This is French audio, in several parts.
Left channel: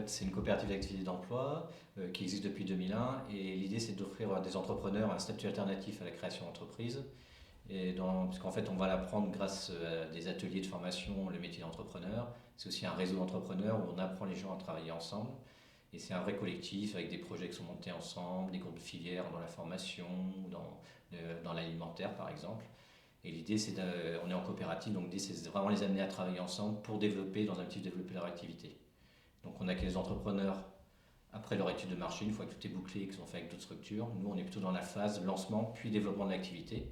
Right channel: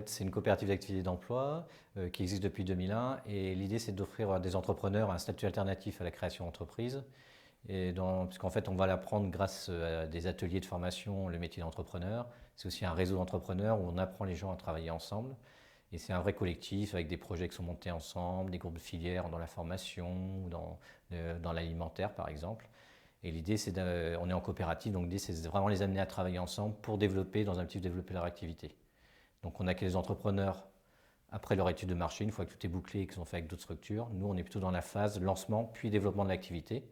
fait, c'est une coopérative d'activité d'emploi qui existe depuis 2001 et l'idée c'est d'offrir à des entrepreneurs un statut alternatif à la création d'entreprise. Puisqu'en fait, on va l'apprendre grâce à des ateliers de formation, le métier d'entrepreneur. C'est aussi un réseau d'entrepreneurs où on apprend les gens à travailler ensemble. Et c'est un vrai collectif avec des projets qui sont montés ensemble, des groupes de filières dans la formation, dans l'alimentaire par exemple. Et l'idée, on est en coopérative, donc l'idée, c'est vraiment les amener à travailler ensemble pour développer, dans un objectif, développer leur activité. Donc on a que les entrepreneurs, après leur étude de marché, une fois que tout est bouclé et qu'ils sont faits avec d'autres structures, nous, on est plutôt dans la phase lancement, puis développement de l'activité.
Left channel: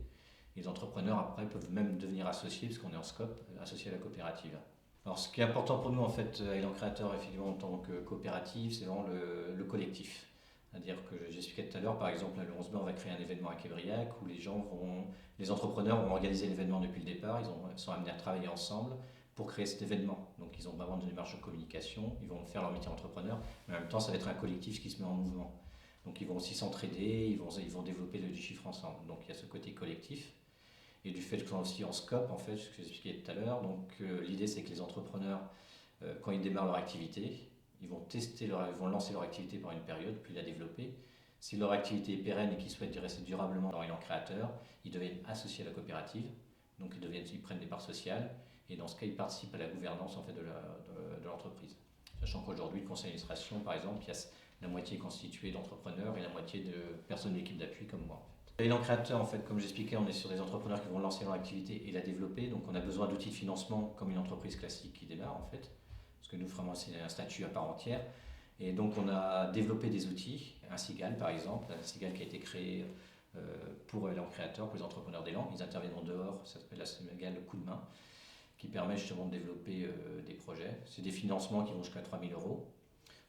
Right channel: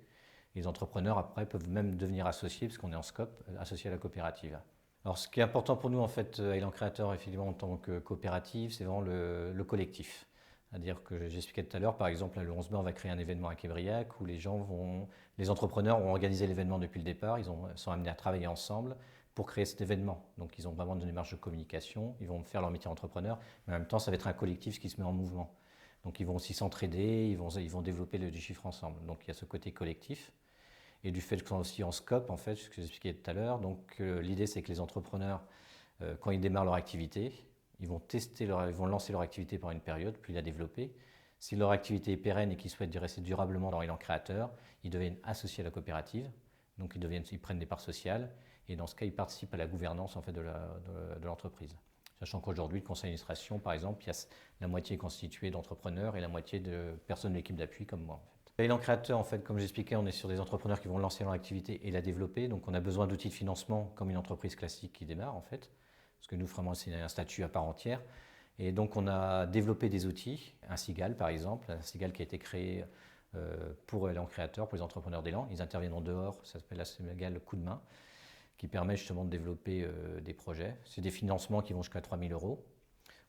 Les entrepreneurs, après, peuvent même devenir associés, parce qu'on est en scope, associé à la coopérative. Alors, ce qui est important pour nous, en fait, Élan Créateur, effectivement, en tant que coopérative, c'est vraiment le collectif. C'est-à-dire que j'expliquais tout à l'heure, par exemple, le 11 mai, on va créer un événement à Québriac où les entrepreneurs vont organiser l'événement depuis le départ, sont amenés à travailler ensemble pour créer cet événement. Donc, ils ont vraiment une démarche de communication, ils vont faire leur métier d'entrepreneur, mais en même temps, ça va être un collectif qui se met en mouvement. Donc, ils vont aussi s'entraider, ils vont développer du chiffre ensemble. Donc, il y a ce côté collectif. Et du fait qu'ils sont aussi en scope, en fait, ce que j'expliquais tout à l'heure. Donc, l'idée, c'est que les entrepreneurs, quand ils démarrent leur activité, ils vont lancer leur activité pendant une période, puis la développer. Si leur activité est pérenne et qu'ils souhaitent rester durablement dans Élan Créateur, ils deviennent associés à la coopérative. Donc, ils prennent des parts sociales. Et dans ce cas, ils participent à la gouvernance en fait, de l'entreprise. Sachant qu'aujourd'hui, le conseil d'administration, par exemple, il y a la moitié constituée d'entrepreneurs et la moitié de personnes de l'équipe d'appui comme moi. Élan Créateur, en fait, comme j'expliquais, on est sur des entrepreneurs qui vont lancer leur activité et la développer. Donc, on a besoin d'outils de financement comme une entreprise classique qui démarre, en fait. Parce que nous, vraiment, c'est un statut à part entière. Et donc, on a développé des outils, un Cigale, par exemple, un Cigale qui a été créé pour Élan Créateur, pour les entrepreneurs d'élan. Ils interviennent en dehors, ça s'appelle la Cigale Coup de main, qui permet justement de développer des projets. C'est des financements qui vont jusqu'à 3 000 euros.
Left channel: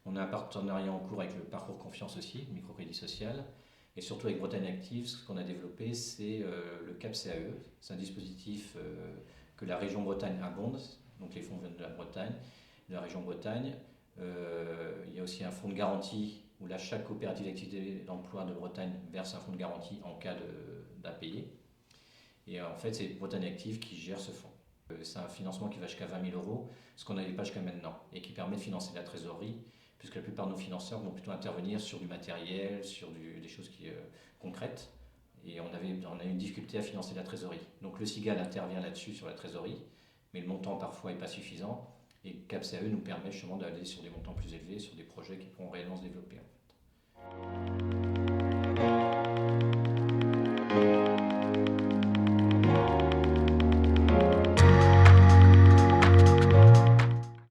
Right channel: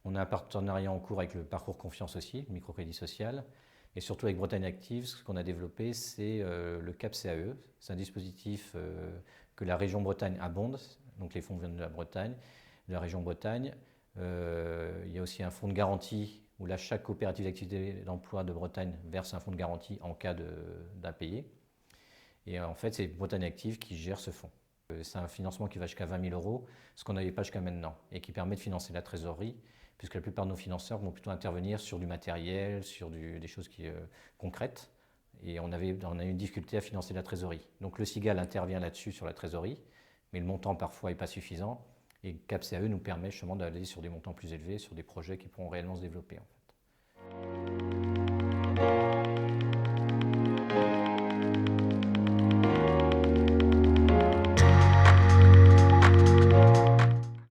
On a un partenariat en cours avec le Parcours Confiance aussi, le microcrédit social. Et surtout avec Bretagne Active, ce qu'on a développé, c'est le CAP CAE. C'est un dispositif que la région Bretagne abonde, donc les fonds viennent de la Bretagne, de la région Bretagne. Il y a aussi un fonds de garantie où là, chaque coopérative d'activité d'emploi de Bretagne verse un fonds de garantie en cas d'impayé. Et en fait, c'est Bretagne Active qui gère ce fonds. C'est un financement qui va jusqu'à 20 000 euros, ce qu'on n'avait pas jusqu'à maintenant, et qui permet de financer la trésorerie, puisque la plupart de nos financeurs vont plutôt intervenir sur du matériel, sur des choses concrètes. Et on a eu une difficulté à financer la trésorerie. Donc le Cigale intervient là-dessus sur la trésorerie, mais le montant parfois n'est pas suffisant. Et CAPCAE nous permet justement d'aller sur des montants plus élevés, sur des projets qui pourront réellement se développer en fait.